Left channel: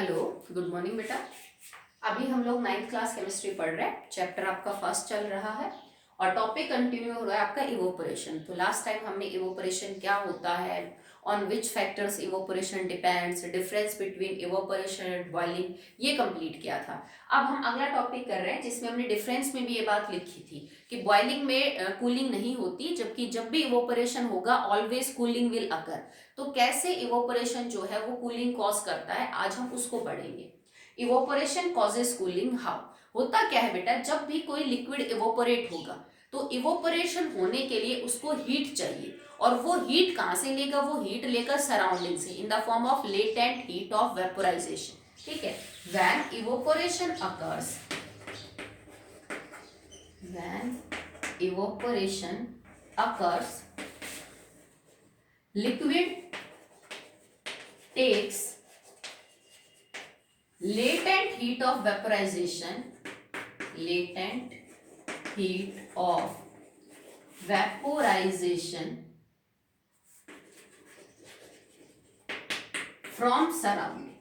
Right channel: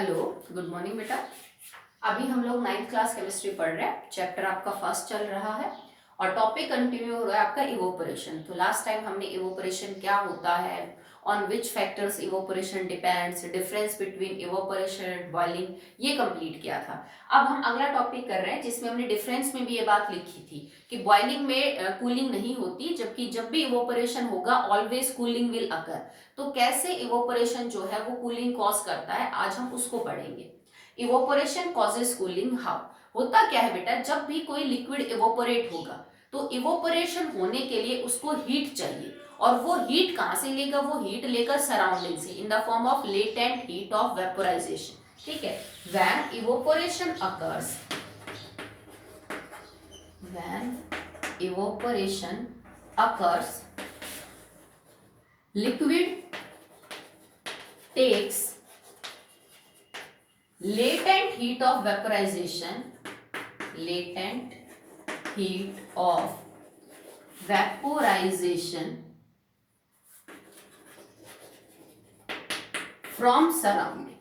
Hello, good morning बेटा। अभी हम लोग 9th क्लास केमिस्ट्री पढ़ रहे हैं। चैप्टर आपका फर्स्ट चल रहा है और टॉपिक कंटिन्यू हो रहा है आपका इवोपरेशन। तो लास्ट टाइम हमने इवोपरेशन क्या होता है, on which factors evaporation depends, difference between evaporation and boiling, ये कंप्लीट किया था। अब हम अगला टॉपिक कर रहे हैं जिसमें हमने डिफरेंस में भी ये बात लिखी थी कि बॉइलिंग में कूलिंग नहीं होती, जबकि जब भी इवोपरेशन होगा ऑलवेज कूलिंग विल अकर। तो कैसे इवोपरेशन जो है वो कूलिंग कॉज करता है, आज हम उसको पढ़ेंगे। Evaporation causes cooling how. होता क्या है बेटा, जब भी कोई लिक्विड इवोपरेट होगा तो इवोपरेशन होने के लिए उसको हीट चाहिए, और वो हीट कहां से लेगा, वो हीट लेगा सराउंडिंग से, इन the form of latent heat of vaporisation. ठीक है, when evaporation occurs, when evaporation occurs liquid takes latent heat of vaporization, latent heat of vaporization from surrounding.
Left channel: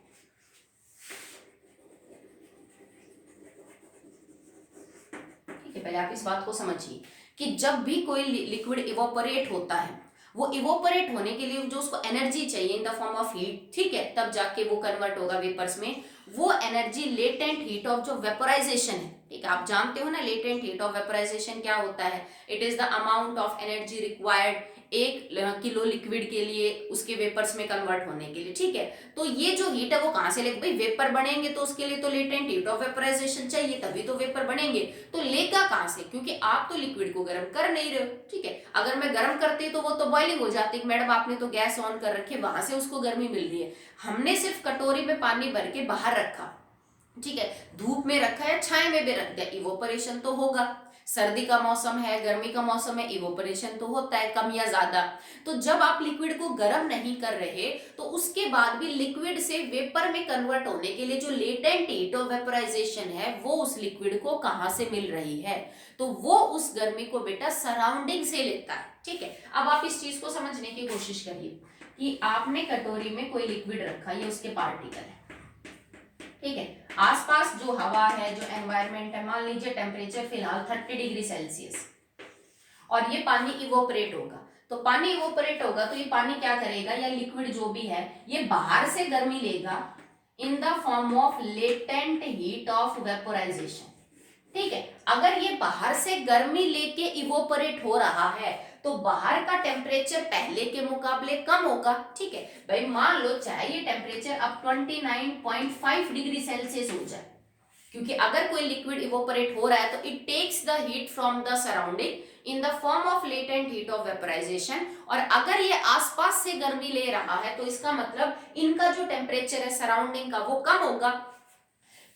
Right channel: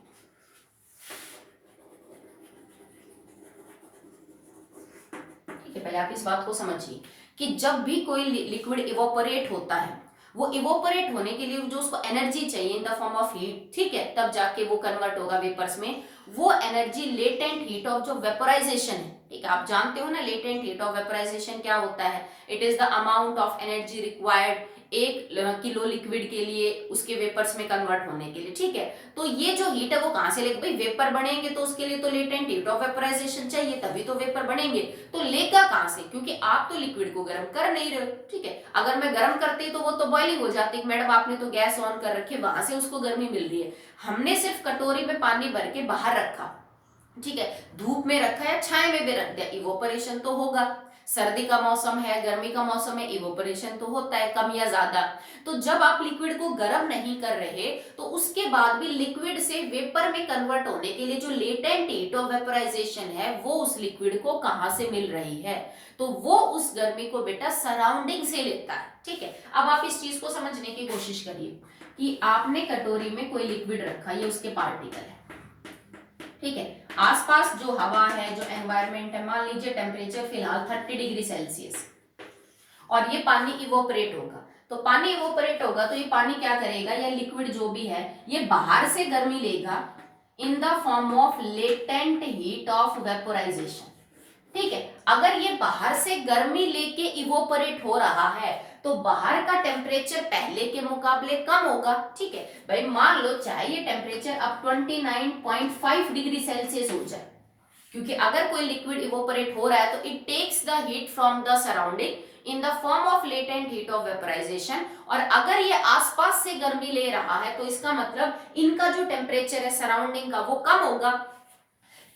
ठीक है, पहले आप इस बात को समझिए कि जब भी कोई लिक्विड इवोपरेट होता है, वो इवोपरेट होने के लिए जो उसको एनर्जी चाहिए इन द फॉर्म ऑफ हीट, ठीक है, तब जाके वो कन्वर्ट होगा वेपर्स में। वो एनर्जी लेटेंट हीट ऑफ जो वेपोराइजेशन है, ठीक है, आप जानते हो ना लेटेंट हीट ऑफ वेपोराइजेशन क्या होता है। It is the amount of energy required 1 kilo liquid के लिए उसके वेपर्स में कन्वर्ट होने के लिए। ठीक है, तो ये जो हीट है वो कहां से लेगा, भाई वेपर बनेंगे तो उसके लिए तो लेटेंट हीट ऑफ वेपोराइजेशन चाहिए, तभी तो वेपर बनेंगे। तो लेगा कहां से, क्योंकि आप तो लिक्विड को गर्म कर नहीं रहे हो। ठीक है, अगर मैं गर्म करती तो वो तो बॉइलिंग हो जाती, मैडम आपने तो गैस ऑन कर रखी है, वहां से उसको गर्मी मिल रही है। हमने सिर्फ कटोरी में पानी भर के बाहर रखा, ठीक है, धूप में रखा या छाए में भी रख दिया, इवोपरेशन तो होगा। सर्दी का मौसम है, गर्मी का मौसम है, इवोपरेशन तो होता है कम या ज्यादा। तो जब आप लिक्विड को गर्म नहीं कर रहे तो उसके बाद भी लिक्विड से वेपर में कन्वर्ट होने के लिए जो लेटेंट हीट ऑफ वेपोराइजेशन है वो उस लिक्विड को कहां से मिल रही है, तो वो उस गर्मी को बेटा सराउंडिंग से लेता है। ठीक है, अब आप इस चीज को समझने की कोशिश करिए कि आपने कटोरी में कोई लिक्विड रखा, ये उसके पार्टिकल है, ठीक है, आसपास जो हवा है, जो एनवायरमेंट है, मान लीजिए टेम्परेचर फिलहाल 30 डिग्री सेल्सियस, और ये पानी इवोपरेट होगा। तो पानी इवोपरेट होगा तो ये पानी क्या करेगा, या लिक्विड जो भी है ये बाहर से गर्मी लेगा इन the form of latent heat of vaporisation. ठीक है, अगर ये बाहर से गर्मी लेके इवोपरेट हो रहा है तो बाहर का टेम्परेचर पहले के मुकाबले कम होगा। ठीक है भाई, मान लो चाहे ये टेम्परेचर अब 29.5 डिग्री सेल्सियस हो जाए, क्योंकि अगर कोई लिक्विड इवोपरेट हो रहा है तो it takes the heat from the surrounding in the form of latent heat of vaporisation, और अगर ये आसपास से गर्मी ले रहा है तो इसका मतलब इनका जो टेम्परेचर है सराउंडिंग का वो कम होगा।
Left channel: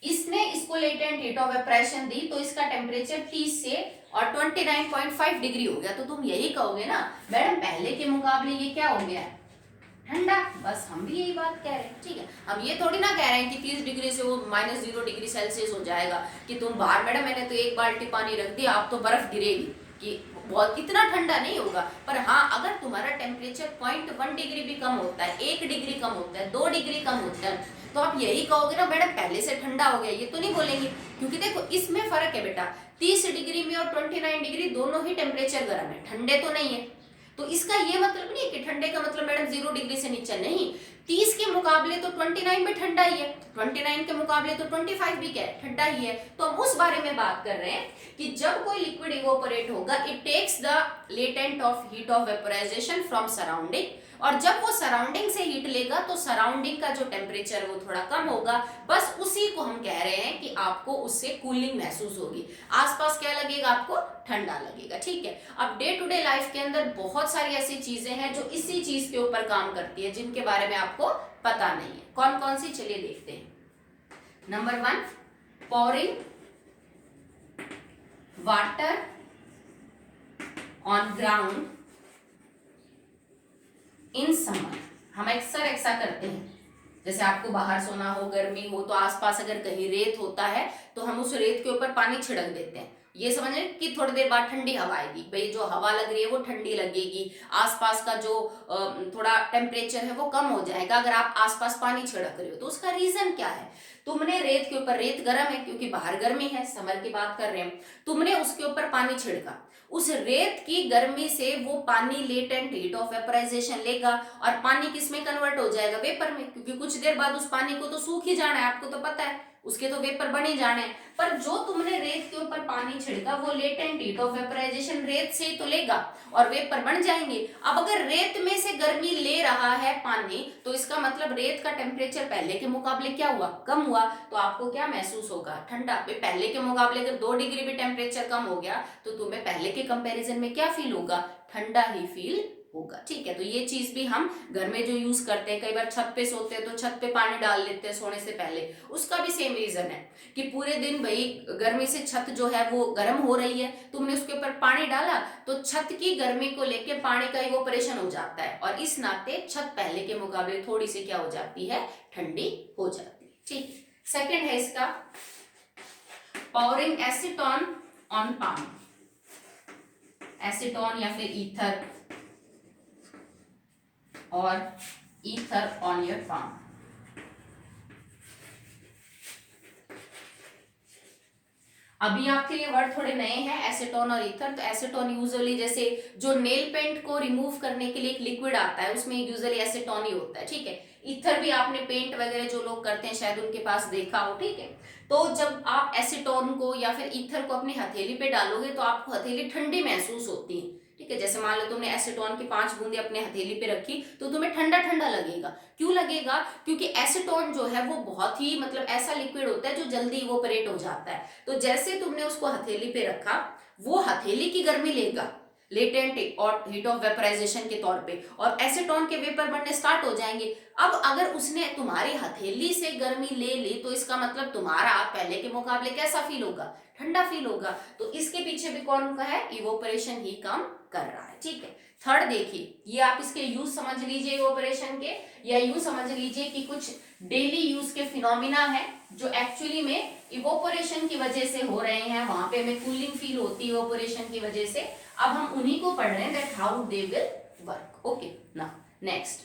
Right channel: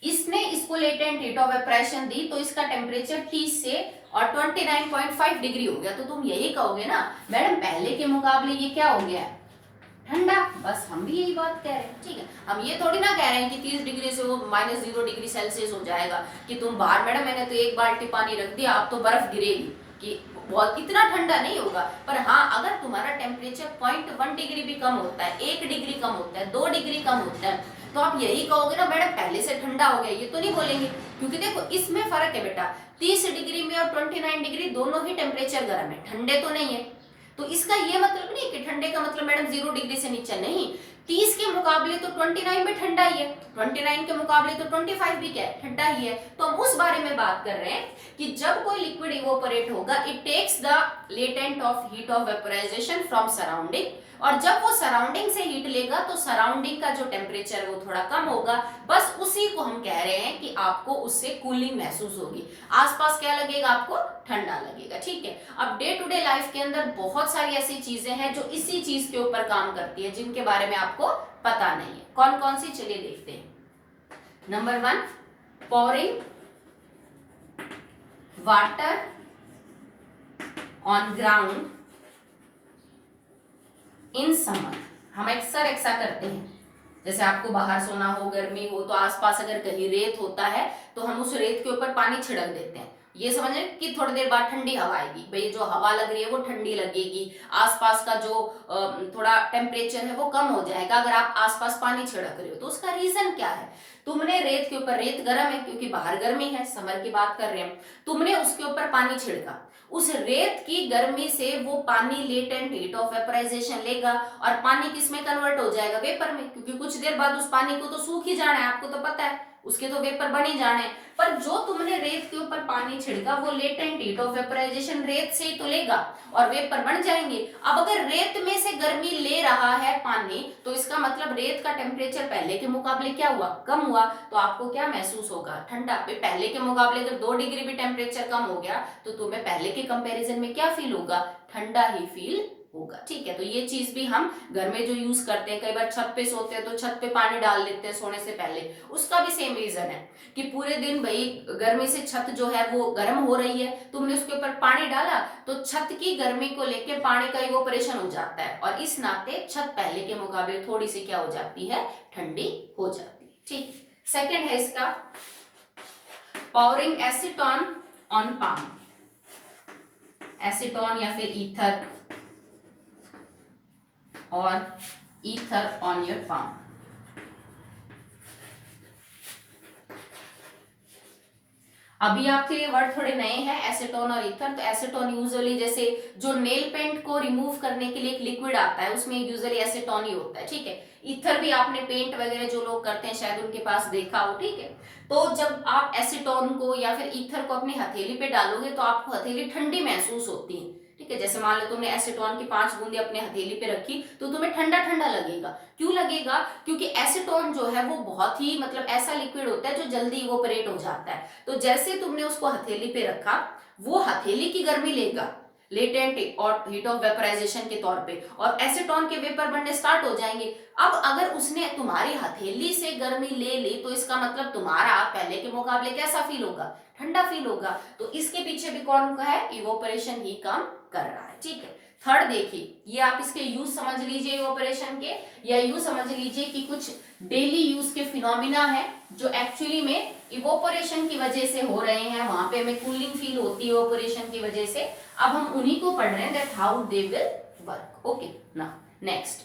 इसने इसको लेटेंट हीट ऑफ वेपोराइजेशन दी तो इसका टेम्परेचर 30 से और 29.5 डिग्री हो गया। तो तुम यही कहोगे ना मैडम पहले के मुकाबले ये क्या हो गया, ठंडा। बस हम भी यही बात कह रहे हैं। ठीक है, हम ये थोड़ी ना कह रहे हैं कि 30 डिग्री से वो -0 डिग्री सेल्सियस हो जाएगा कि तुम बाहर, मैडम मैंने तो 1 बाल्टी पानी रख दिया आप तो बर्फ गिरेगी, कि बहुत इतना ठंडा नहीं होगा। पर हाँ, अगर तुम्हारा टेम्परेचर 0.1 डिग्री भी कम होता है, 1 डिग्री कम होता है, 2 डिग्री कम होता है, तो आप यही कहोगे ना मैडम पहले से ठंडा हो गया, ये तो नहीं बोलेंगे। क्योंकि देखो इसमें फर्क है बेटा, 30 डिग्री में और 29 डिग्री दोनों ही टेम्परेचर गर्म है, ठंडे तो नहीं है। तो इसका ये मतलब नहीं कि ठंडे का मतलब मैडम 0 डिग्री से नीचे नहीं, 30 के मुकाबले तो 29 भी ठंडा ही है, 29 के मुकाबले तो 25 भी क्या है, ठंडा ही है। तो हम उस बारे में बात कर रहे हैं कि जब कोई लिक्विड इवोपरेट होगा it takes the latent of heat of vaporisation from surrounding, और जब वो सराउंडिंग से हीट लेगा तो सराउंडिंग का जो टेम्परेचर है वो थोड़ा कम होगा। बस उसी को हम कह रहे हैं कि आपको उससे कूलिंग महसूस होगी, आसपास क्या लगेगा, आपको ठंडा लगेगा। ठीक है, अब डे टू डे लाइफ के अंदर बहुत सारी ऐसी चीजें हैं जो इसी चीज के ऊपर काम करती है, जिनके बारे में आपको पता नहीं है। कौन कौन सी, चलिए देखते हैं। Number 1, pouring water on ground in summer. हम अक्सर ऐसा करते हैं, जैसे आपको बाहर सोना हो, गर्मी हो, तो आसपास अगर कहीं रेत होता है तो हम उस रेत के ऊपर पानी छिड़क देते हैं, ये समझ रहे कि थोड़ी देर बाद ठंडी हवा आएगी, भाई जो हवा लग रही है वो ठंडी लगेगी, आसपास का जो थोड़ा टेम्परेचर है वो कम हो जाएगा अगर आप आसपास पानी छिड़क रहे हो। तो उसका रीजन क्या है, तुमने रेत के ऊपर, रेत गर्म है क्योंकि बाहर गर्मी है, समर की बात कर रहे हैं, तुमने उसके ऊपर पानी छिड़का, उस रेत की गर्मी से वो पानी लेटेंट हीट ऑफ वेपराइजेशन लेगा और पानी किस में कन्वर्ट हो जाएगा, वेपर में, क्योंकि कुछ देर बाद उस पानी को तो सूख ही जाना है, आपको तो पता है, उसके तो वेपर बन ही जाने हैं। पर जो तुमने रेत के ऊपर पानी छिड़का वो लेटेंट हीट ऑफ वेपराइजेशन रेत से ही तो लेगा और वेपर बन जाएंगे। अब अगर रेत में से गर्मी ले रहा है पानी, तो इसका मतलब रेत का टेम्परेचर पहले के मुकाबले क्या हुआ, कम हुआ, तो आपको क्या महसूस होगा, ठंडा। पहले के मुकाबले अगर 2 डिग्री भी टेम्परेचर कम हो गया तो तुम्हें पहले के कंपैरिजन में क्या फील होगा, ठंडा ही फील होगा। ठीक है, तो ये चीज भी हम घर में जो यूज करते हैं, कई बार छत पे सोते हैं तो छत पे पानी डाल देते हैं सोने से पहले, उसका भी सेम रीजन है कि पूरे दिन भाई गर्मी से छत जो है वो गर्म हो रही है, तुमने उसके ऊपर पानी डाला तो छत की गर्मी को लेके पानी का इवोपरेशन हो जाता है और इस नाते छत पहले के मुकाबले थोड़ी सी क्या हो जाती है, ठंडी हो जाती है। ठीक, सेकेंड है इसका powering acetone on palm, acetone या फिर ईथर और ईथर ऑन योर पाम। अभी आपके लिए वर्ड थोड़े नए हैं, एसीटोन और ईथर। तो एसीटोन यूजुअली जैसे जो नेल पेंट को रिमूव करने के लिए एक लिक्विड आता है उसमें यूजुअली एसीटोन ही होता है। ठीक है, ईथर भी आपने पेंट वगैरह जो लोग करते हैं शायद उनके पास देखा हो। ठीक है, तो जब आप एसीटोन को या फिर ईथर को अपनी हथेली पे डालोगे तो आपको हथेली ठंडी महसूस होती है। ठीक है, जैसे मान लो तुमने एसीटोन की 5 बूंदे अपने हथेली पे रखी तो तुम्हें ठंडा ठंडा लगेगा। क्यों लगेगा, क्योंकि एसीटोन जो है वो बहुत ही मतलब ऐसा लिक्विड होता है जो जल्दी इवोपरेट हो जाता है। तो जैसे तुमने उसको हथेली पे रखा, वो हथेली की गर्मी लेगा लेटेंट और हीट ऑफ वेपराइजेशन के तौर पे, और एसीटोन के वेपर बनने स्टार्ट हो जाएंगे। अब अगर उसने तुम्हारी हथेली से गर्मी ले ली तो इसका मतलब तुम्हारा पहले के मुकाबले कैसा फील होगा, ठंडा फील होगा। तो इसके पीछे भी कौन का है, इवोपरेशन ही काम कर रहा है। ठीक है, थर्ड देखिए, ये आप इसके यूज समझ लीजिए इवोपरेशन के, या यूज समझ लीजिए कि कुछ डेली यूज के फिनोमिना है जो एक्चुअली में इवोपरेशन की वजह से हो रहे हैं, वहां पे हमें कूलिंग फील होती है इवोपरेशन की वजह से। अब हम उन्हीं को पढ़ रहे हैं, that how they will work. Okay, now next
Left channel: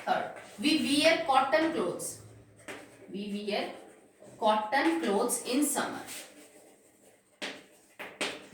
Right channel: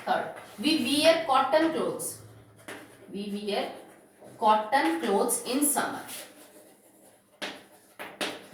third, we wear cotton clothes, we wear cotton clothes in summer.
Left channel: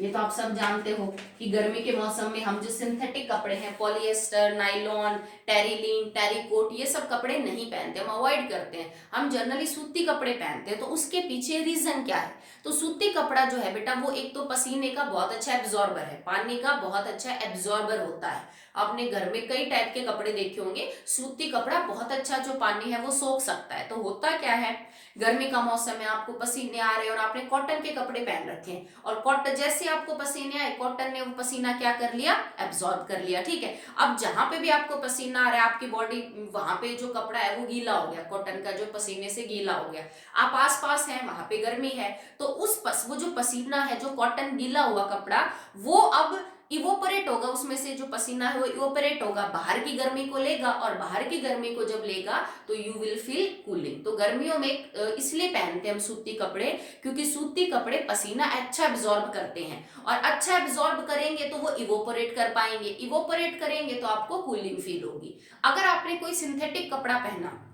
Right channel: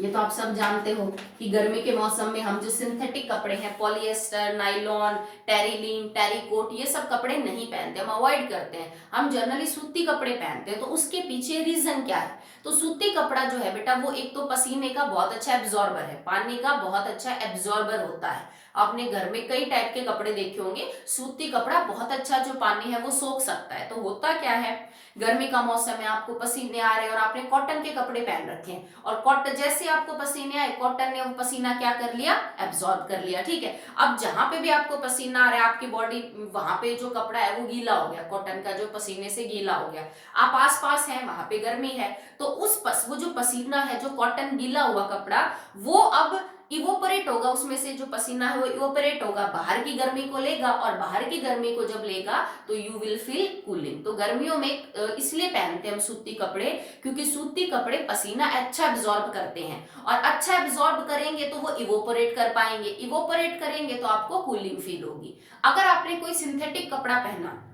ये तो आप सब जानते हो कि गर्मी के मौसम में हम जो सिंथेटिक कपड़े हैं, पॉलिएस्टर, नाइलॉन, टेरिलीन, टेरिकोट, ये सब कपड़े नहीं पहनते, हम अवॉइड करते हैं, हम जनरली सूती कपड़े पहनते हैं। तो उसके पीछे रीजन क्या है, तो सूती कपड़ा जो है बेटा वो एक तो पसीने का बहुत अच्छा एब्जॉर्बर है, पानी का बहुत अच्छा एब्जॉर्बर होता है। आपने घर में कई टाइप के कपड़े देखे होंगे, सूती कपड़ा बहुत अच्छा जो पानी है वो सोख सकता है। तो होता क्या है, गर्मी का मौसम है, आपको पसीने आ रहे हैं और आपने कॉटन के कपड़े पहन रखे हैं, और कॉटन जैसे आपको पसीने आए, कॉटन ने वो पसीना क्या कर लिया, एब्जॉर्ब कर लिया। ठीक है, अब जहां पे भी आपको पसीना आ रहा है आपकी बॉडी, वहां पे जो कपड़ा है वो गीला हो गया, कॉटन का जो पसीने से गीला हो गया, आप आस पास हैं वहां पे गर्मी है, तो वो जो पसीना है, जो कॉटन गीला हुआ कपड़ा, वो अब इवोपरेट होगा, उसमें से जो पसीना है वो इवोपरेट होगा, बाहर की गर्मी को लेगा, और बाहर की गर्मी को जब लेगा तो यू विल फील कूलिंग। तो गर्मियों में इसलिए पहनते हैं हम सूती कपड़े, क्योंकि सूती कपड़े पसीना अच्छा एब्जॉर्ब करते हैं, और अच्छा एब्जॉर्ब करेंगे तो वो इवोपरेट कर पाएंगे, इवोपरेट करेंगे तो आपको कूलिंग फील होगी। अगर आपने कोई सिंथेटिक कपड़ा पहना,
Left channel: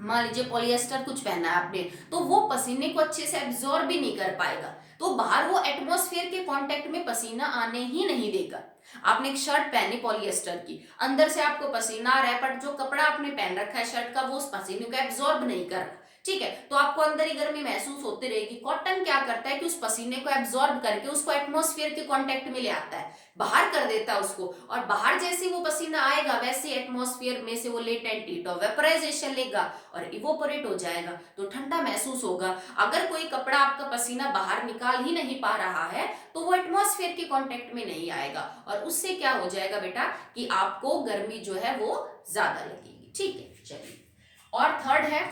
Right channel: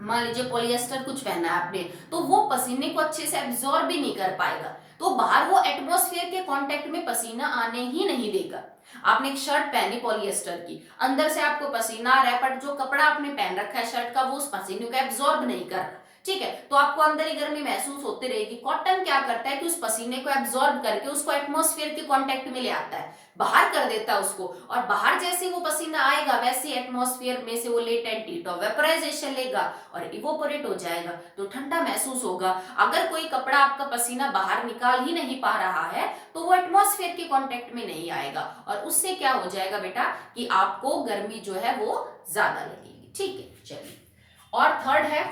मान लीजिए पॉलिएस्टर कुछ पहना है आपने, तो वो पसीने को अच्छे से एब्जॉर्ब भी नहीं कर पाएगा, तो बाहर वो एटमॉस्फेयर के कांटेक्ट में पसीना आने ही नहीं देगा। आपने एक शर्ट पहनी पॉलिएस्टर की, अंदर से आपको पसीना आ रहा है, पर जो कपड़ा आपने पहन रखा है शर्ट का वो उस पसीने को एब्जॉर्ब नहीं कर रहा। ठीक है, तो आपको अंदर ही गर्मी महसूस होती रहेगी। कॉटन क्या करता है कि उस पसीने को एब्जॉर्ब करके उसको एटमॉस्फेयर के कांटेक्ट में ले आता है, बाहर कर देता है उसको, और बाहर जैसे वो पसीना आएगा वैसे एटमॉस्फेयर में से वो लेटेंट हीट ऑफ वेपराइजेशन लेगा और इवोपरेट हो जाएगा, तो ठंडा महसूस होगा। अगर कोई कपड़ा आपका पसीना बाहर निकाल ही नहीं पा रहा है तो वो एटमॉस्फेयर के कांटेक्ट में नहीं आएगा, और उससे क्या हो जाएगा बेटा कि आपको गर्मी जो है वो ज्यादा लगेगी। ठीक है, चलिए, और थर्ड है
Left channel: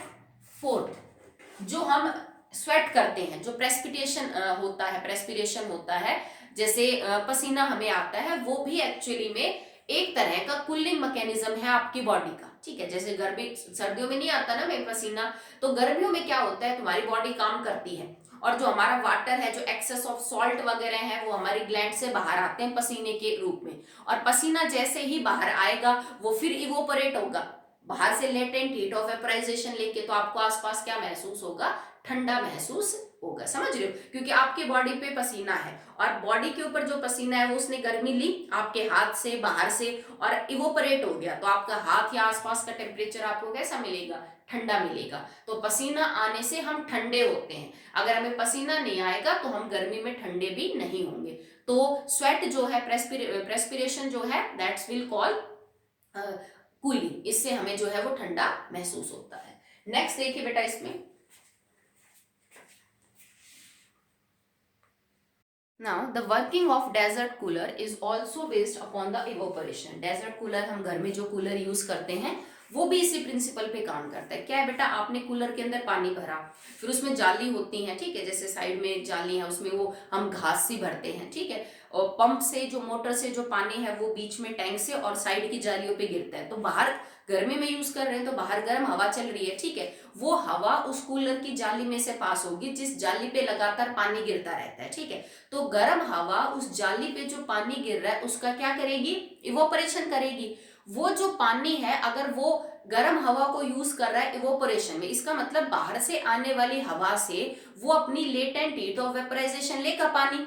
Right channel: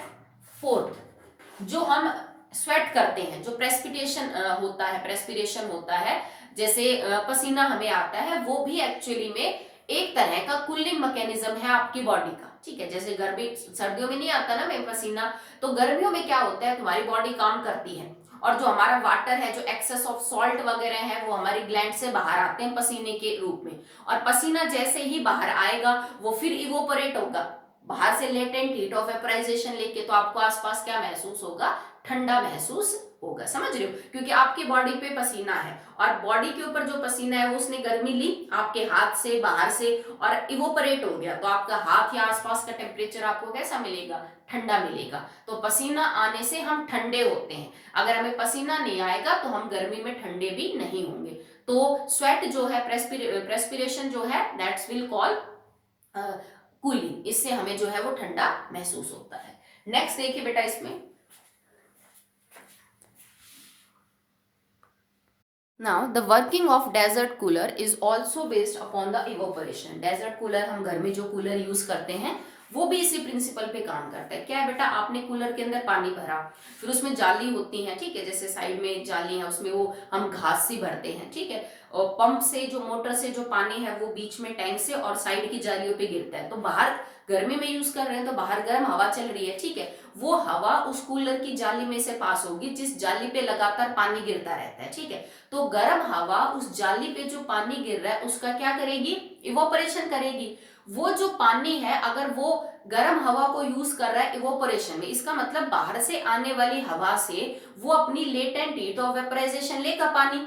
फोर्थ, जो हम स्वेट करते हैं, जो प्रेस्पिरेशन होता है, जैसे पसीना हमें आता है, वो भी एक्चुअली में एक तरह का कूलिंग मैकेनिज्म है आपकी बॉडी का। ठीक है, जैसे गर्मी सर्दियों में नहीं आता ना में पसीना, तो गर्मियों में क्या होता है, तुम्हारी बॉडी काम करती है और जो हमारा वाटर है, जो एक्सेस ऑफ सॉल्ट वगैरह है, वो हमारी ग्लैंड से बाहर आते हैं पसीने के रूप में। और पसीना जैसे ही बाहर आएगा वो फिर इवोपरेट होगा बाहर से लेटेंट हीट ऑफ वेपराइजेशन लेके, तो आपको आसपास क्या महसूस होगा? ठंडा महसूस होगा। समझ रहे हो? क्योंकि आपकी बॉडी पे पसीना है और बॉडी के ऊपर जो पसीना है वो उसने गर्मी ली आपके हाथ से, बाहर से, और इवोपरेट हो गया, तो आपका हाथ या आसपास का टेम्परेचर आपको कैसा मिलेगा? ठंडा मिलेगा। तो पसीना आने से हम ठंडे होते हैं। अगर हमें पसीना नहीं आएगा तो हम गर्मी में ठंडे भी नहीं होंगे। तो स्वेट जो है, प्रेस्पिरेशन जो है, दैट्स विल कॉल कूलिंग। इससे हमें जो है वो ठंडा महसूस होता है। नेक्स्ट देखिए बेटा, इसमें Now, the working of desert cooler is also based upon the evaporation. Desert cooler हम घर में जो कूलर यूज करते हैं वो भी इसी प्रिंसिपल पे काम करता है। क्या है बेटा? आपने कूलर के अंदर पानी भरा, फिर उसमें जाली होती है, ठीक है, जैसे साइड में जाली है, उसमें वो हम घास सी भरते हैं, ठीक है, और पंप से जो, मोटर से जो पानी है वो बीच में टैंक से और साइड की जालियों पे गिरता है। तो बाहर गर्मी में यूज कर रहे हैं तो बाहर गर्म हवा चल रही है, ठीक है, वो हवा उस कूलर की जाली में से पास होगी जिस जाली पे लगातार पानी गिरता रहता है, ठीक है। तो गर्म हवा उस जाली पे जो पानी गिर रहा है उसका क्या करेगी? इवोपरेशन करेगी। वो जो पानी है, अगर वो गर्म हवा को यूज कर रहा है इवोपरेशन में, इसका मतलब बाहर से आने वाली हवा से वो अपनी लेटेंट हीट ऑफ वेपराइजेशन लेगा पानी,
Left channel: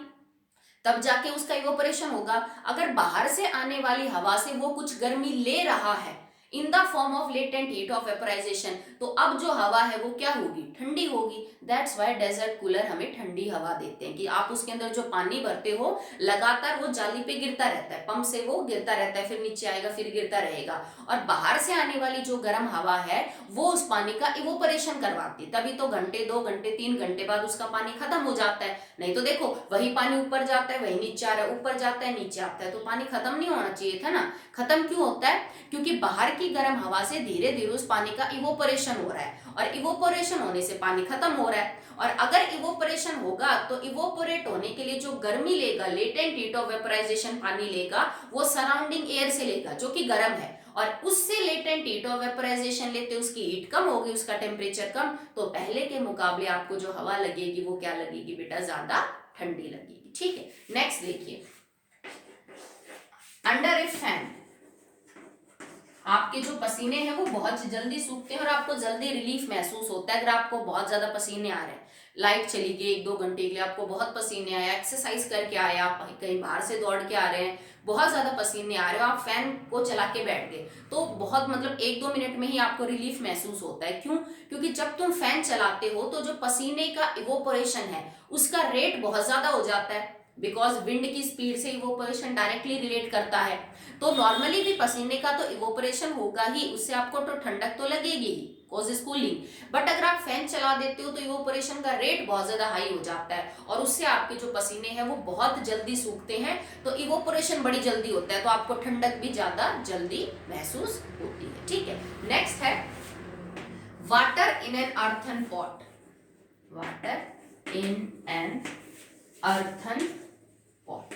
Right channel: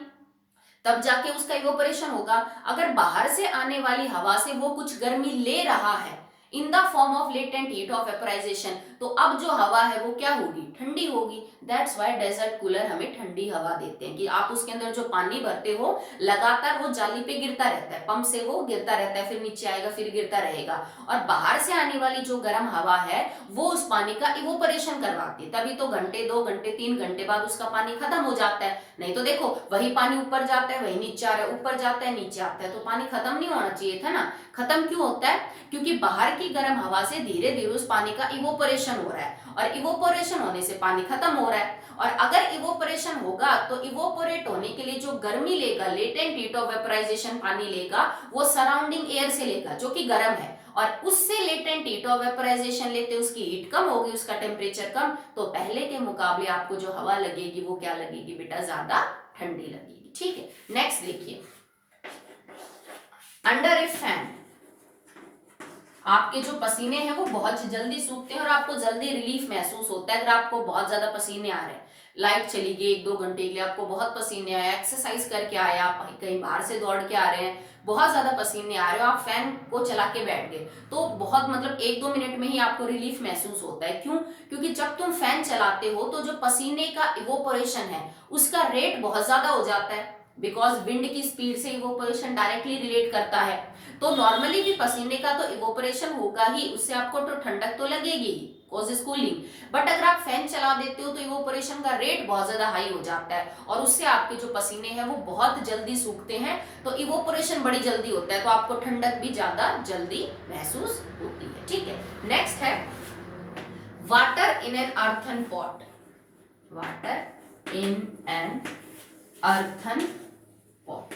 तब जाके उसका इवोपरेशन होगा। अगर बाहर से आने वाली हवा से वो कुछ गर्मी ले रहा है in the form of latent heat of vaporisation, तो अब जो हवा है वो क्या होगी? ठंडी होगी। दैट्स व्हाई डेजर्ट कूलर हमें ठंडी हवा देते हैं, कि आप उसके अंदर जो पानी भरते हो लगातार वो जाली पे गिरता रहता है, पंप से वो गिरता रहता है, फिर नीचे आएगा, फिर गिरता रहेगा, और बाहर से आने वाली जो गर्म हवा है वो उस पानी का इवोपरेशन करवाती है। तभी तो घंटे, 2 घंटे, 3 घंटे बाद उसका पानी खत्म हो जाता है। नहीं तो देखो, वही पानी ऊपर जाता है, वही नीचे आ रहा है, ऊपर जाता है, नीचे आता है, तो पानी खत्म नहीं होना चाहिए था ना। खत्म क्यों होता है? क्योंकि बाहर की गर्म हवा से धीरे धीरे उस पानी का इवोपरेशन हो रहा है, और इवोपरेशन होने से पानी खत्म हो रहा है। और अगर इवोपरेशन होगा तो इवोपरेट होने के लिए जो गर्मी लेगा, लेटेंट हीट ऑफ वेपराइजेशन पानी लेगा, वो सराउंडिंग एयर से लेगा जो कि गर्म है, और उससे लेटेंट हीट ऑफ वेपराइजेशन लेते उसकी हीट कम होगी, उसका टेम्परेचर कम, तो पहले के मुकाबले आपको जो हवा लगेगी वो क्या लगेगी बेटा? ज्यादा ठंडी लगेगी, ठीक है। नेक्स्ट देखिए, अंडर ए फैन आपके जो पसीने हैं वो बहुत जल्दी सूखते हैं और आपको जल्दी रिलीफ महसूस होता है। अगर आपको बहुत ज्यादा पसीने आ रहे हैं, लाइट चली गई 1-2 घंटे के लिए, आपको बहुत पसीने आए, एक्सरसाइज करके आए, आप कहीं बाहर से दौड़ के आ रहे हैं, बहुत ज्यादा पसीने आ रहे हो, आप फैन को चला के बैठ गए, तो बहुत मतलब 1-2 मिनट में ही आपको रिलीफ महसूस होता है। क्यों? क्योंकि जब तुम फैन चलाते हो तो जो पसीने का इवोपरेशन है उसका रेट बहुत ज्यादा हो जाता है, बिकॉज विंड की स्पीड से इवोपरेशन डायरेक्टली रिलेट करता है। तो नॉर्मली भी पसीने का तो इवोपरेशन होगा ही, उससे आपको तो ठंडक तो लगेगी ही, कॉजेस कूलिंग। बट अगर आप फैन चला देते हो तो इवोपरेशन का रेट बहुत ज्यादा हाई हो जाता है, और उससे आपके जो पसीने हैं वो बहुत जल्दी सूखते हैं, तो इवोपरेशन बड़ी जल्दी होता है, तो आपको ठंडक भी ज्यादा जल्दी महसूस होती है, ठीक है। नेक्स्ट है water in an earthen pot. Water in an earthen pot,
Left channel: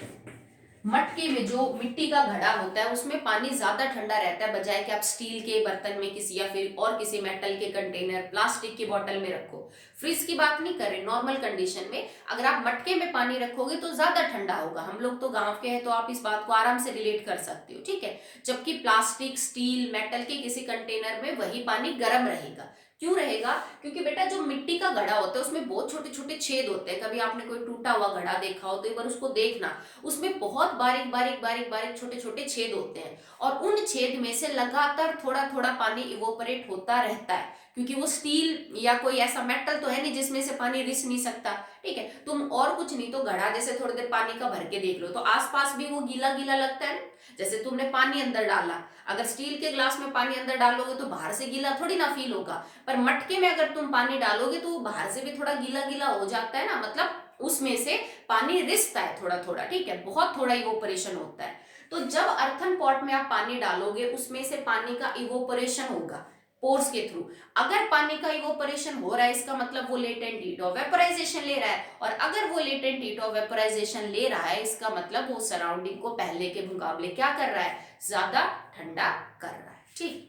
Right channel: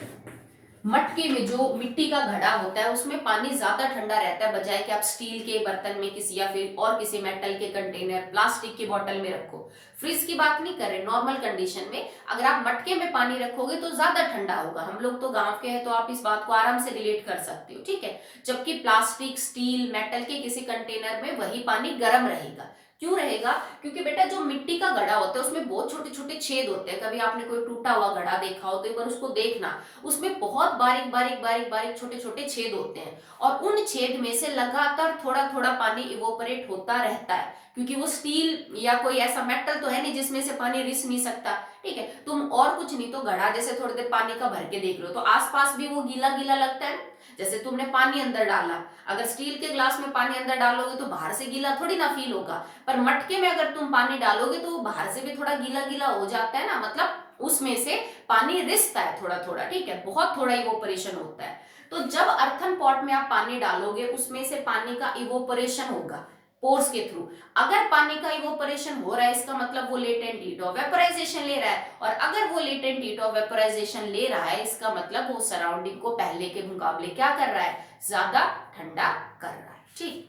मटके में जो मिट्टी का घड़ा होता है उसमें पानी ज्यादा ठंडा रहता है, बजाय कि आप स्टील के बर्तन में किसी, या फिर और किसी मेटल के कंटेनर, प्लास्टिक की बोतल में रखो। फ्रिज की बात नहीं कर रहे, नॉर्मल कंडीशन में अगर आप मटके में पानी रखोगे तो ज्यादा ठंडा होगा। हम लोग तो गांव के हैं तो आप इस बात को आराम से रिलेट कर सकते हो, ठीक है। जबकि प्लास्टिक, स्टील, मेटल के किसी कंटेनर में वही पानी गर्म रहेगा। क्यों रहेगा? क्योंकि बेटा जो मिट्टी का घड़ा होता है उसमें बहुत छोटे छोटे छेद होते हैं। कभी आपने कोई टूटा हुआ घड़ा देखा हो तो एक बार उसको देखना, उसमें बहुत बारीक बारीक बारीक बारीक छोटे छोटे छेद होते हैं, और उन छेद में से लगातार थोड़ा थोड़ा पानी इवोपरेट होता रहता है, क्योंकि वो स्टील या कोई ऐसा मेटल तो है नहीं जिसमें से पानी रिस नहीं सकता, ठीक है। तुम और कुछ नहीं तो घड़ा जैसे थोड़ी देर पानी का भर के देख लो तो आसपास भी वो गीला गीला लगता है। जैसे तुमने पानी अंदर डाला, अगर स्टील के ग्लास में पानी अंदर डालोगे तो बाहर से गीला थोड़ी ना फील होगा, पर मटके में अगर तुम पानी डालोगे तो बाहर से भी थोड़ा गीला गीला हो जाता है ना, मतलब उसमें से पानी रिसता है थोड़ा थोड़ा, ठीक है, बहुत थोड़ा इवोपरेशन होता है। तो जब अर्थन पॉट में आप पानी डालोगे उसमें से पानी का इवोपरेशन होगा पोर्स के थ्रू। अगर पानी का इवोपरेशन हो रहा है इसका मतलब वो लेटेंट हीट ऑफ वेपराइजेशन ले रहा है, और अगर वो लेटेंट हीट ऑफ वेपराइजेशन ले रहा है इसका मतलब वो सराउंडिंग को पहले के मुकाबले क्या कर रहा है? ज्यादा ठंडा कर रहा है, ठीक।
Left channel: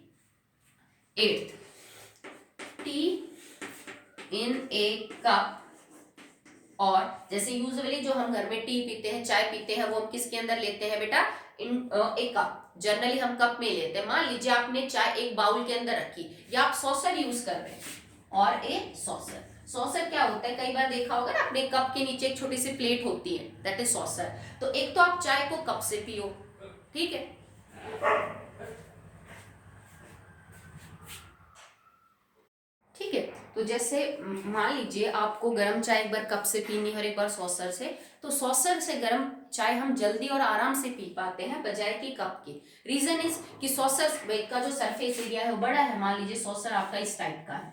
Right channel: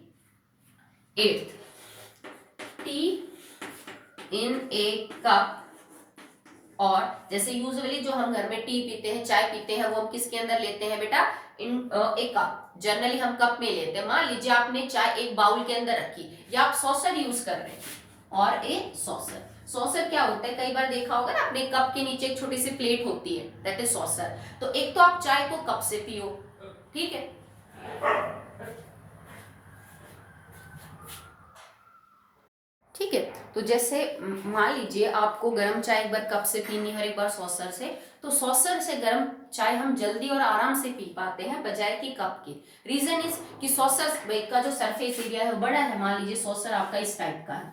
8th, टी इन ए कप और जैसे यूजुअली जो हम घर में टी पीते हैं, चाय पीते हैं, वो हम किसके अंदर लेते हैं बेटा, इन एक कप, जनरली हम कप में लेते हैं। मान लीजिए आपने चाय एक बाउल के अंदर रखी या आप सॉसर यूज कर रहे हैं, और एक सॉसर, सॉसर क्या होता है, कई बार देखा होगा ना, अपने कप के नीचे एक छोटी सी प्लेट होती है, दैट इज सॉसर। तो एक तो आप चाय को कप से पियो, ठीक है, ठीक है। तो जैसे मान लीजिए आपको गर्म चाय एक बार कप से पीनी है और एक बार सॉसर से, तो सॉसर से गर्म चाय हम जल्दी और आराम से पी पाते हैं बजाय कि कप की। रीजन इज कि सॉसर का जो सरफेस एरिया है वो बड़ा है। मान लीजिए सॉसर आपका इस टाइप का है,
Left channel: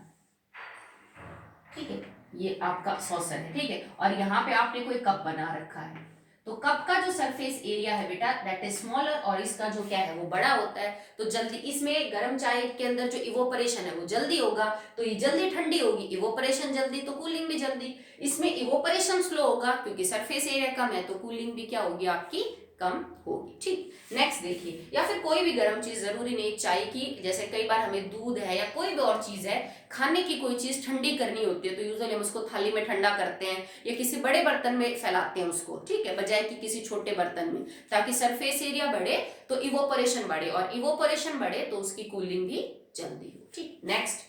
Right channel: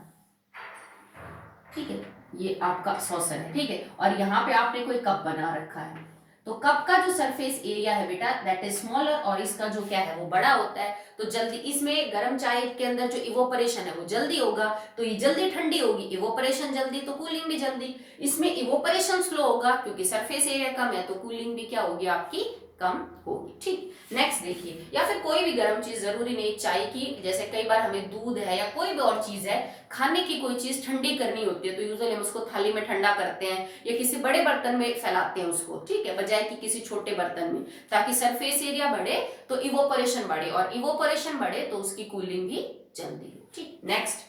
ठीक है, ये आपका सॉसर है, ठीक है, और यहाँ पे आपने कोई कप बना रखा है। तो कप का जो सरफेस एरिया है बेटा दैट इज स्मॉलर, और इसका जो क्या है वो बड़ा होता है। तो जल्दी इसमें गर्म चाय के अंदर जो इवोपरेशन है वो जल्दी होगा, तो ये जल्दी ठंडी होगी, इवोपरेशन जल्दी तो कूलिंग भी जल्दी। इसमें इवोपरेशन स्लो होगा क्योंकि सरफेस एरिया कम है, तो कूलिंग भी क्या होगी आपकी, कम होगी, ठीक। नेक्स्ट देखिए, या फिर कोई भी गर्म चीज, जरूरी नहीं चाय की, जैसे कई बार हमें दूध है या कोई भी और चीज है, खाने की कोई चीज ठंडी करनी होती है, तो यूजुअली हम उसको थाली में ठंडा करते हैं या किसी बड़े बर्तन में फैलाते हैं उसको, ठीक है, बजाय कि किसी छोटे बर्तन में, ताकि सरफेस एरिया बढ़े तो इवोपरेशन बढ़े, और इवोपरेशन बढ़े तो उसकी कूलिंग भी जल्दी हो, ठीक। Next,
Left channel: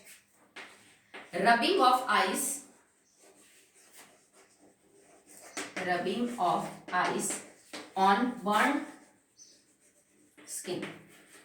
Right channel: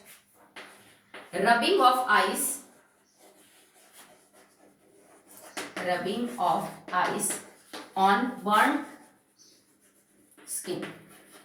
rubbing of ice, rubbing of ice on burn skin.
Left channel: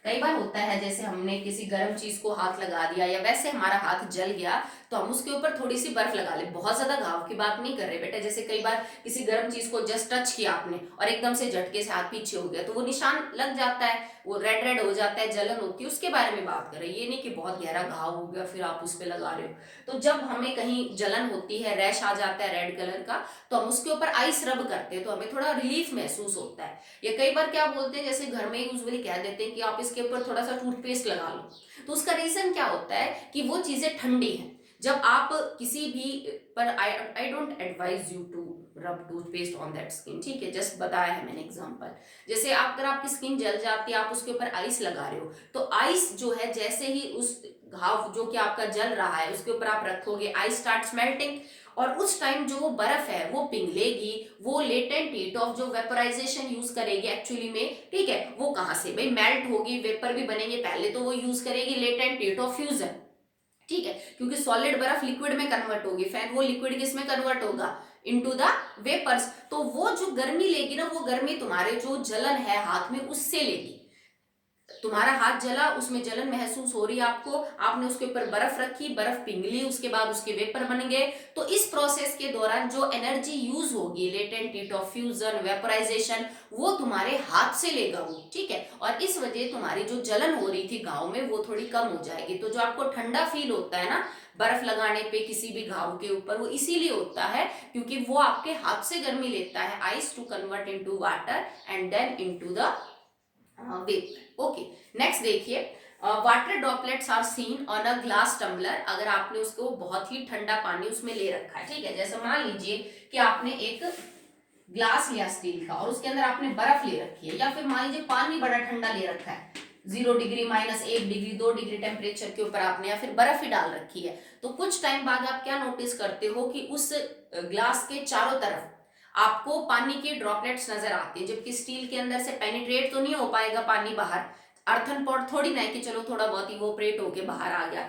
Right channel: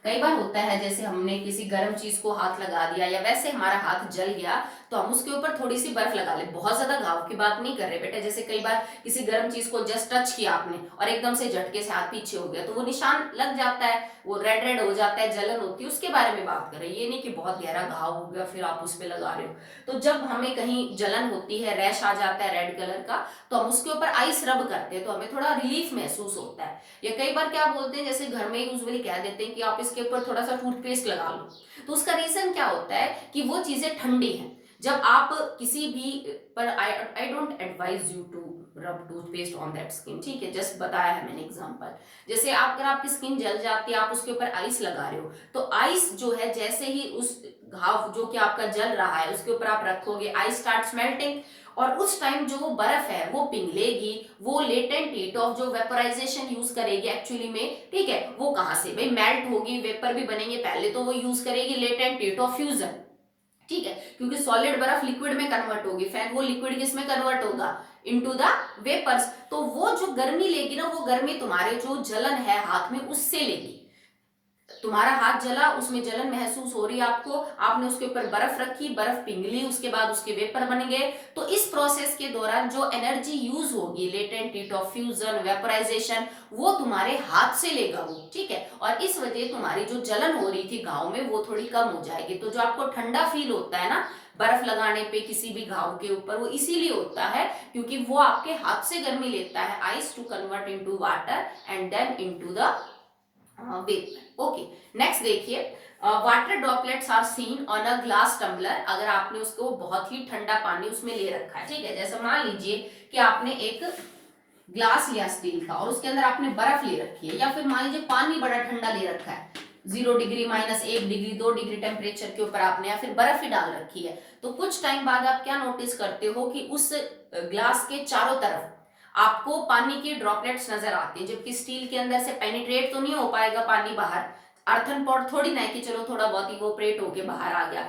कई बार होता है जैसे हमने किसी गर्म चीज को हाथ लगा दिया या वैसे हमारा हाथ जल गया, तो हम उसके ऊपर थोड़ी सी बर्फ लगा ले, बहुत ज्यादा घाव की बात नहीं कर रहे बेटा, जैसे कई बार किसी गर्म चीज को जस्ट टच किया आपने और एकदम से झटके से हाथ पीछे हो गया, तो वो निशान लग जाता है, वो रेड रेड हो जाता है, जलन होती है, उसके बारे में बात कर रहे हैं। ये नहीं कि बहुत गहरा घाव हो गया फिर आप उस पर लगा रहे हो। तो जब हमें कहीं जलन होती है, रैश आ जाता है रेड कलर का, तो हम उसके ऊपर आइस रब करते हैं, तो हमें थोड़ा रिलीफ महसूस होता है। या कई बार क्या बोलते हैं, जैसे घर में यूजुअली कह देते हैं कि आप इसके ऊपर थोड़ा सा टूथपेस्ट लगा लो, तो उसका रीजन क्या होता है कि वो चीजें ठंडी हैं। जब आप किसी भी, पर I don't advise you to rub toothpaste on that skin, ठीक है, जस्ट बताया है मैंने एग्जांपल। जैसे आप, अगर आपकी स्किन जल जाती है, आप उसके ऊपर आइस लगा रहे हो, तो आइस जो है जैसे ही उस घाव जो कि आपका जल रहा है उसके ऊपर आप रखोगे, आइस स्टार्ट मेल्टिंग, और उस टाइम जो वो बर्फ है वो पिघलेगी, वो लेटेंट हीट ऑफ जो वेपराइजेशन यूज करेगी एक्चुअली में, ठीक है, वो कहां से भाई, मेल्ट होगी, वेपर भी बनेंगे, पहले तो वो यूज करेगी लेटेंट हीट ऑफ फ्यूजन, ठीक है, क्योंकि सॉलिड बर्फ लिक्विड में कन्वर्ट होगी, फिर वो लिक्विड किस में कन्वर्ट होगा, इनटू द वेपर्स। तो वो जो गर्मी लेगी ना, वो गर्मी तुम्हारे जो जलन है हाथ में उससे लेगी। तुम्हारा हाथ जला, उसमें जलन महसूस हो रही है आपको, आपने उसके ऊपर बर्फ रखी, बर्फ पिघली, उसके बाद उसके वेपर बन गए, तो इस प्रोसेस के दौरान जो एनर्जी यूज होगी, latent heat of fusion, vaporisation, वो तुम्हारे हाथ से लेगा वो, ठीक है, और इस वजह तुम्हारी जो जलन हो रही थी घाव में वो थोड़ी कम हो जाएगी। तो जो आपको ठंडा फील होता है ना बर्फ लगाने पे किसी भी घाव के ऊपर, वो इसीलिए होता है क्योंकि वो आपके हाथ से गर्मी लेता है, ice to convert into water and then into the vapour. Okay, next देखिए, water droplets are seen on a glass tumbler. अगर आपने उसको बहुत ही ठंडा पानी उसमें ले रखा है, ठीक है, जैसे मान लीजिए कि आपने एक ग्लास लिया स्टील का और उसके अंदर आपने बर्फ ले रखी है, या फिर मान लीजिए पानी बड़ा ठंडा ले रखा है, 0 डिग्री, -1 डिग्री, 2 डिग्री टेम्परेचर के ऊपर आपने, या फिर बर्फ ही डाल रखी है, तो कुछ टाइम बाद आप क्या नोटिस करते हो कि उस ग्लास के चारों तरफ आपको पानी के ड्रॉपलेट्स नजर आते हैं, जबकि स्टील के अंदर से पेनिट्रेट तो नहीं हो पाएगा पानी बाहर, अर्थन पॉट थोड़ी ना है कि चलो थोड़ा बहुत इवोपरेट होके बाहर आ गया।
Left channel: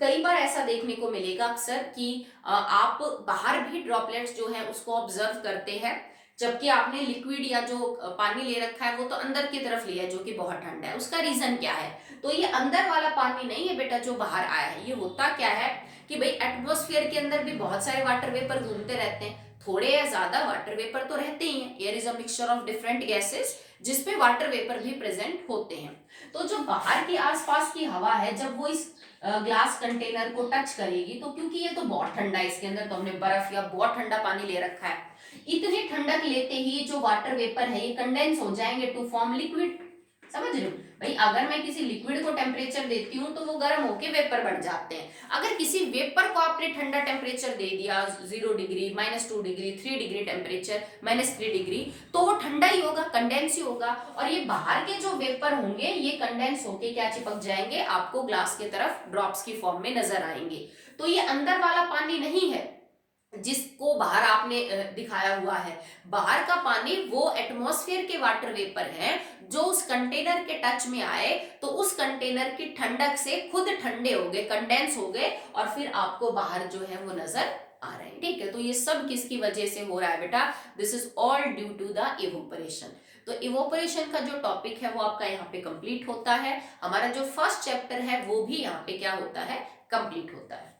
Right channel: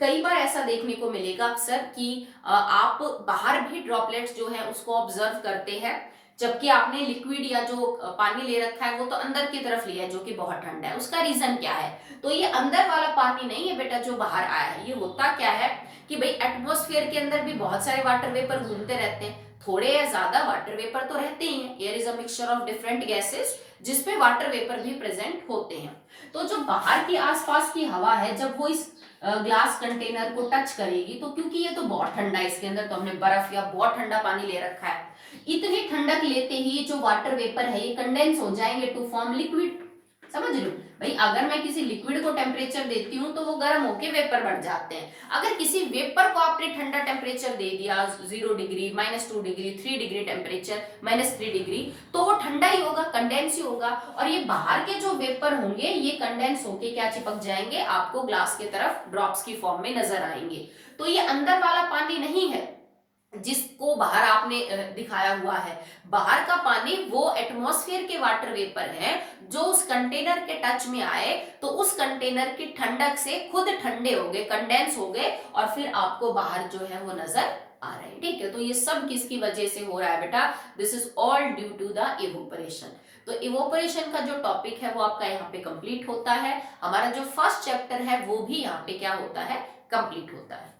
कई बार ऐसा देखने को मिलेगा अक्सर कि आप बाहर भी ड्रॉपलेट्स जो है उसको ऑब्जर्व करते हैं, जबकि आपने लिक्विड या जो पानी ले रखा है वो तो अंदर की तरफ लिया है जो कि बहुत ठंडा है। उसका रीजन क्या है, तो ये अंदर वाला पानी नहीं है बेटा जो बाहर आया है, ये होता क्या है कि भाई एटमॉस्फेयर के अंदर भी बहुत सारे वाटर वेपर घूमते रहते हैं, थोड़े या ज्यादा वाटर वेपर तो रहते ही हैं, air is a mixture of different gases जिसपे वाटर वेपर भी प्रेजेंट होते हैं। तो जो बाहर की आसपास की हवा है जब वो इस ग्लास कंटेनर को टच करेगी, तो क्योंकि ये तो बहुत ठंडा है, इसके अंदर तो हमने बर्फ या बहुत ठंडा पानी ले रखा है, इतनी ठंडक लेते ही जो वाटर वेपर है ये कंडेंस हो जाएंगे टू फॉर्म लिक्विड। समझ रहे हो भाई, अगर मैं किसी लिक्विड को टेम्परेचर देती हूँ तो वो गर्म होके वेपर बन जाते हैं, अगर किसी वेपर को आपने ठंडा टेम्परेचर दे दिया 0 degree, -2 degree, 3 degree temperature, -3 degree, तो वो ठंडा ही होगा, कंडेंस ही होगा, और ये बाहर के जो वेपर होंगे ये कंडेंस होके क्या चिपक जाएंगे, आपको ग्लास की तरफ ड्रॉप्स की फॉर्म में नजर आएंगे। तो ये अंदर वाला पानी नहीं है, जिसको बाहर आपने दिखाया हुआ है, बाहर का पानी वो एटमॉस्फेयर के वाटर वेपर है जो उस कंटेनर के टच में आए तो उस कंटेनर की ठंडक से खुद ठंडे हो गए, कंडेंस हो गए और फिर आपको बाहर जो है वो नजर आ रहे हैं। ठीक है, तो ये सब किसकी वजह से हो रहा है बेटा? This is all due to the evaporation. तो इवोपरेशन का जो टॉपिक है वो आपका यहाँ पे कंप्लीट होता है। हमारा जो फर्स्ट चैप्टर है वो भी यहाँ पे क्या होता है? कंप्लीट होता है।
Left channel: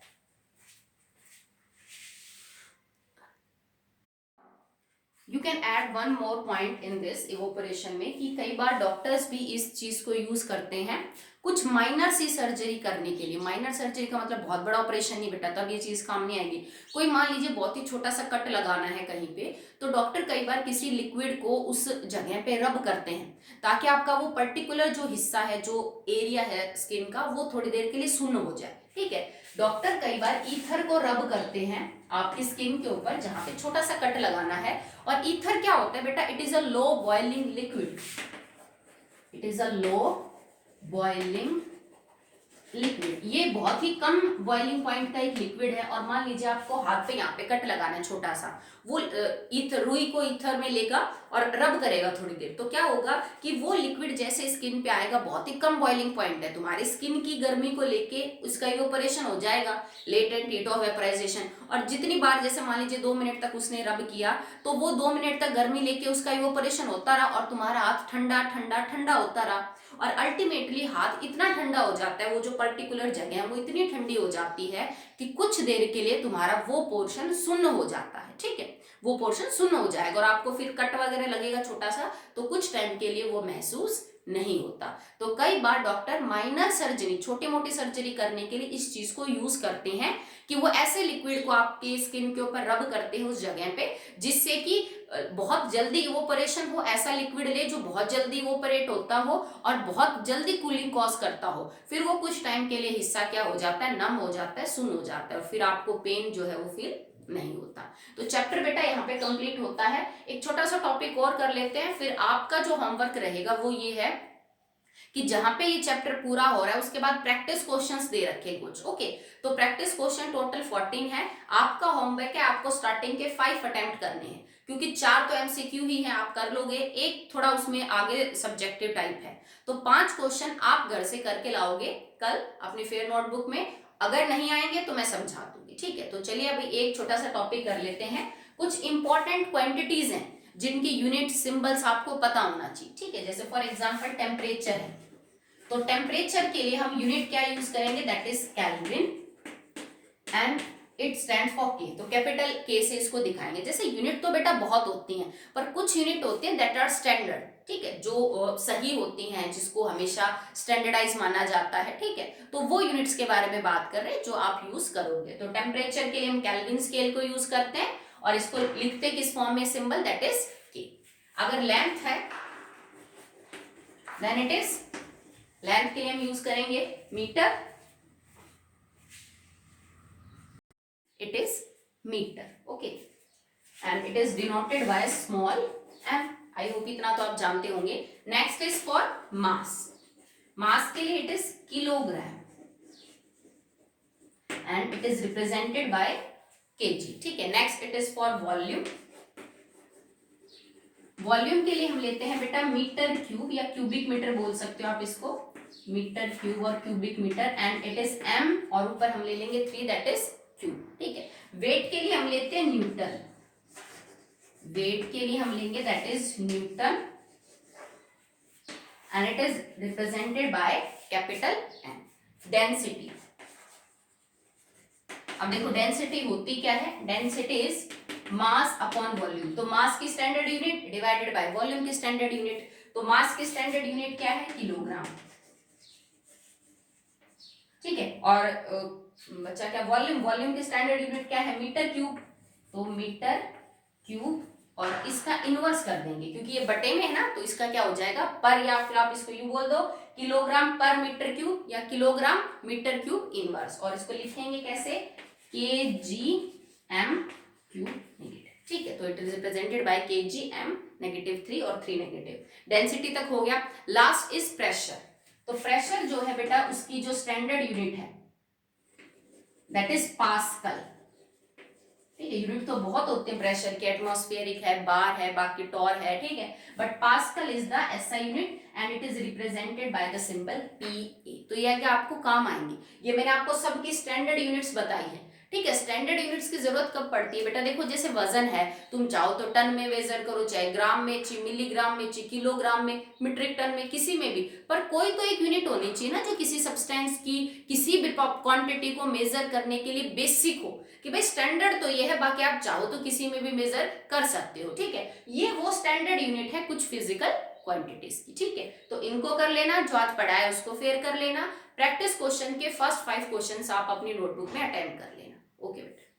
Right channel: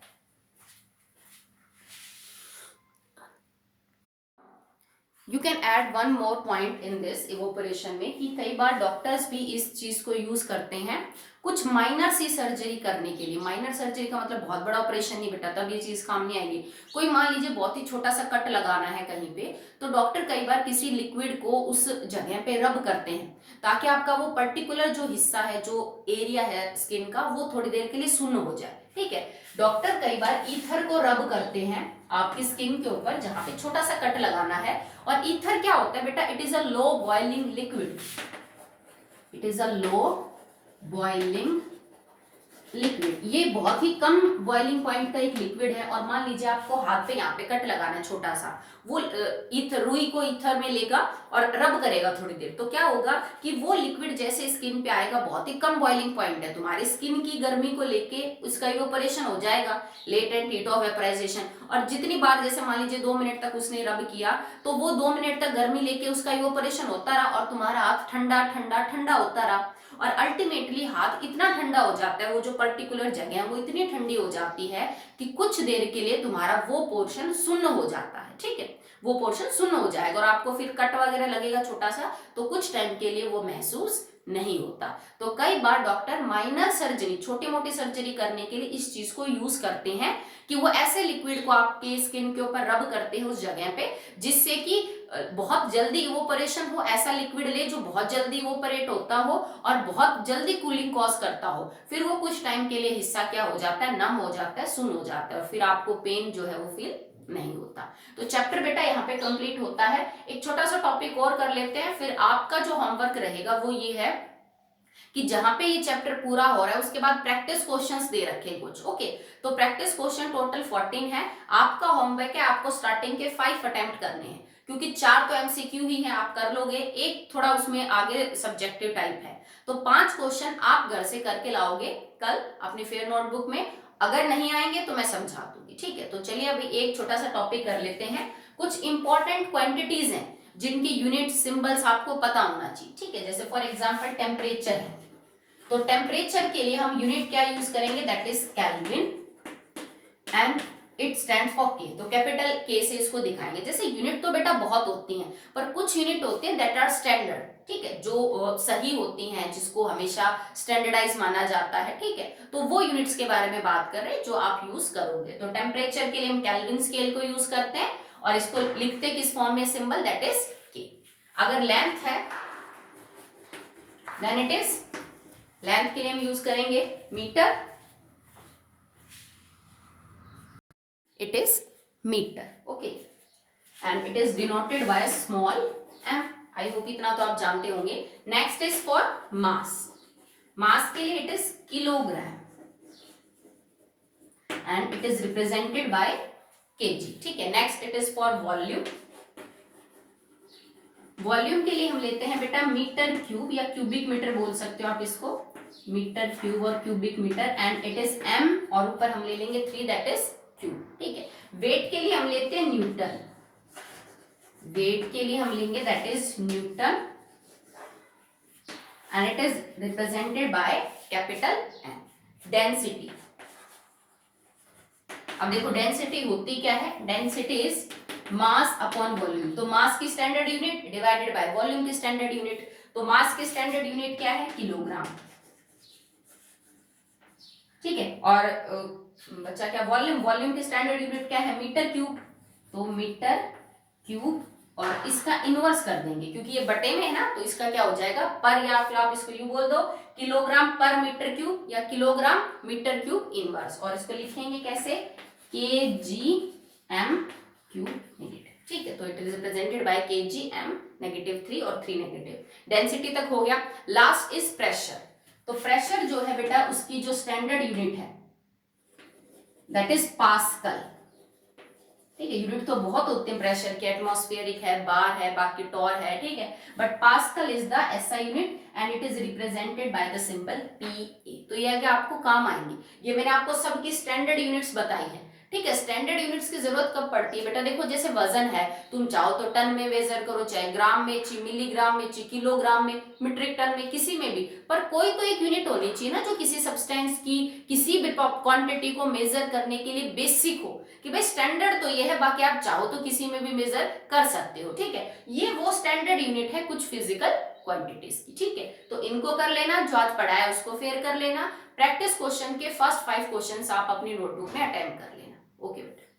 You can add one more point in this evaporation में कि कई बार डॉक्टर्स भी इस चीज को यूज करते हैं कुछ माइनर सी सर्जरी करने के लिए। माइनर सर्जरी का मतलब बहुत बड़ा ऑपरेशन नहीं बेटा, तब ये चीज काम नहीं आएगी। कोई मान लीजिए बहुत ही छोटा सा कट लगाना है कहीं पे, तो डॉक्टर कई बार किसी लिक्विड को उस जगह पे रब करते हैं ताकि आपका वो पर्टिकुलर जो हिस्सा है, जो एरिया है स्किन का, वो थोड़ी देर के लिए सुन्न हो जाए। ठीक है, डॉक्टर कई बार ईथर को रब करते हैं आपकी स्किन के ऊपर जहां पे छोटा सा कट लगाना है। और ईथर क्या होता है बेटा? It is a low boiling liquid. It is a low boiling liquid. ये बहुत ही कम बॉइलिंग पॉइंट का एक लिक्विड है। और मान लीजिए आपको हाथ पे यहाँ पे कट लगाना है छोटा सा, वो ईथर, रुई को ईथर में लेगा और रब करेगा थोड़ी देर, तो क्या होगा कि वो लिक्विड जैसे स्किन पे आएगा, बहुत ही कम बॉइलिंग पॉइंट है, तुम्हारी स्किन की गर्मी को लेके उसका इवेपोरेशन हो जाएगा, लेटेंट हीट ऑफ वेपराइजेशन। और जितनी बार, जैसे मान लीजिए 2 मिनट तक उसने रब किया, तो वो 2 मिनट तक गर्मी लेके उसका इवेपोरेशन होता रहा और तुम्हारा हाथ ठंडा ठंडा ठंडा होता रहा। और अल्टीमेटली हाथ इतना ठंडा हो जाता है, वो जो पर्टिकुलर जगह है वो इतनी ठंडी हो जाती है कि कुछ देर के लिए तुम्हारा वो पोर्शन सुन्न हो जाता है। ठीक है, वो पोर्शन सुन्न हो जाएगा और आपको फिर कट वगैरह लगेगा छोटा सा, तो कुछ टाइम के लिए वो महसूस नहीं होता। तो कई बार डॉक्टर माइनर सर्जरी, छोटी मोटी सर्जरी करने के लिए इस चीज को यूज करते हैं कि वो ऐसे लिक्विड को आपके स्किन के ऊपर रब करते हैं उस जगह पे, जिससे कि बहुत जल्दी इवोपरेशन हो। ऐसा लिक्विड ले जो बहुत जल्दी इवोपरेट होता हो और बहुत जल्दी कूलिंग कॉज करता हो। फिर वो कुछ टाइम के लिए हिस्सा क्या हो जाता है? नम हो जाता है, सुन्न हो जाता है, और फिर आपको पेन जो है वो फील नहीं होता। तो चैप्टर बेटा यहाँ पे कंप्लीट होता है। एक छोटा सा टॉपिक और कर लेते हैं, फिर आपका जो होमवर्क रहेगा वो ये है कि जहां पे ये चैप्टर पूरा हो रहा है उसके बाद प्रैक्टिस क्वेश्चंस दे रखे कुछ। ओके, तो प्रैक्टिस क्वेश्चन टोटल 14 है। आपका होमवर्क है, आपको स्टार्टिंग के 5 अटेम्प्ट करने हैं, क्योंकि 4 तो एमसीक्यू ही है, आप कर लोगे, एक थोड़ा उसमें आगे सब्जेक्टिव टाइप है। तो 5 क्वेश्चन आप घर से करके लाओगे कल अपनी फेयर नोटबुक में। अगर नहीं आएंगे तो मैं समझा दूंगी। ठीक है, तो चलिए अभी एक छोटा सा टॉपिक कर लेते हैं। कुछ इंपॉर्टेंट क्वांटिटीज हैं जिनकी यूनिट सिंबल्स आपको पता होना चाहिए। ठीक है, जैसे फॉर एग्जांपल टेम्परेचर है, तो टेम्परेचर के लिए हम यूनिट क्या यूज करेंगे? That is kelvin and it stand for के। तो कैपिटल के से इसको दिखाएंगे। जैसे यूनिट तो बेटा बहुत होती हैं, पर कुछ यूनिट होते हैं दैट आर स्टैंडर्ड। ठीक है, जो सही होती हैं, जिसको हमेशा स्टैंडर्डाइज माना जाता है। ठीक है, तो वो यूनिट्स के बारे में बात कर रहे हैं जो आप यूज करोगे। तो टेम्परेचर के लिए हम केल्विन स्केल को यूज करते हैं और इसको लिखते किस फॉर्म में? सिंबल दैट इज के। अगर लेंथ है देन इट इज, लेंथ के लिए हम यूज करेंगे metre, it is metre. Okay, and it is denoted by small M. I hope इतना तो आप जानते होंगे। Next is for mass. Mass के लिए it is kilogram and it is represented by KG. ठीक है, next it is for volume. Volume के लिए हम लेते हैं बेटा मीटर क्यूब या क्यूबिक मीटर बोल सकते हो आप इसको, मीटर क्यूब और cubic metre, and it is M और ऊपर हम ले लेंगे 3 दैट इज क्यूब। ठीक है, वेट के लिए हम लेते हैं न्यूटन। वेट के लिए हम लेंगे that is newton and it is represented by capital N. Density, अब देखो डेंसिटी होती क्या है? Density is mass upon volume. तो मास की standard unit divided by volume की स्टैंडर्ड यूनिट। तो मास की स्टैंडर्ड यूनिट क्या है? किलोग्राम। ठीक है, और बच्चा क्या? वॉल्यूम, वॉल्यूम की स्टैंडर्ड यूनिट क्या है? Metre cube. तो मीटर क्यूब, और इसका इनवर्स कर देंगे क्योंकि ये बटे में है ना, तो इसका क्या हो जाएगा? पर, या फिर आप इसको यूं बोल दो किलोग्राम पर मीटर क्यूब या किलोग्राम मीटर क्यूब इनवर्स। और इसको लिखेंगे कैसे? के जी एम क्यूब नेगेटिव। ठीक है, तो इट इज रिप्रेजेंटेड बाय के जी एम नेगेटिव 3 और 3 नेगेटिव। डेंसिटी तक हो गया। Last is pressure. तो प्रेशर जो है बेटा उसकी जो स्टैंडर्ड यूनिट है दैट इज पास्कल। ठीक है। यूनिट तो बहुत होते हैं प्रेशर के, एटमॉस्फेरिक है, बार है, बाकी टॉर है, ठीक है, but pascal is the SI unit and it is represented by the symbol PA. तो ये आगे आपको काम आएंगी। ये मैंने आपको सबकी स्टैंडर्ड यूनिट्स बताई है, ठीक है। स्टैंडर्ड यूनिट्स की जरूरत कब पड़ती है बेटा, देखो जैसे वजन है, तुम चाहो तो टन में मेजर करो, चाहे ग्राम में, चाहे मिलीग्राम में, चाहे किलोग्राम में, मीट्रिक टन में, किसी में भी, पर कोई तो एक यूनिट होनी चाहिए ना जो किसी सब्सटेंस की किसी भी क्वांटिटी को मेजर करने के लिए बेसिक हो, कि भाई स्टैंडर्ड तो ये है, बाकी आप चाहो तो किसी में भी मेजर कर सकते हो, ठीक है। ये वो स्टैंडर्ड यूनिट है कुछ फिजिकल क्वांटिटीज की, ठीक है। तो इनको कर लेना, जो आज पढ़ाया उसको फेर कर लेना। प्रैक्टिस क्वेश्चन के फर्स्ट 5 क्वेश्चंस आप अपनी नोटबुक में अटेम्प्ट कर लेना। ओके बेटा।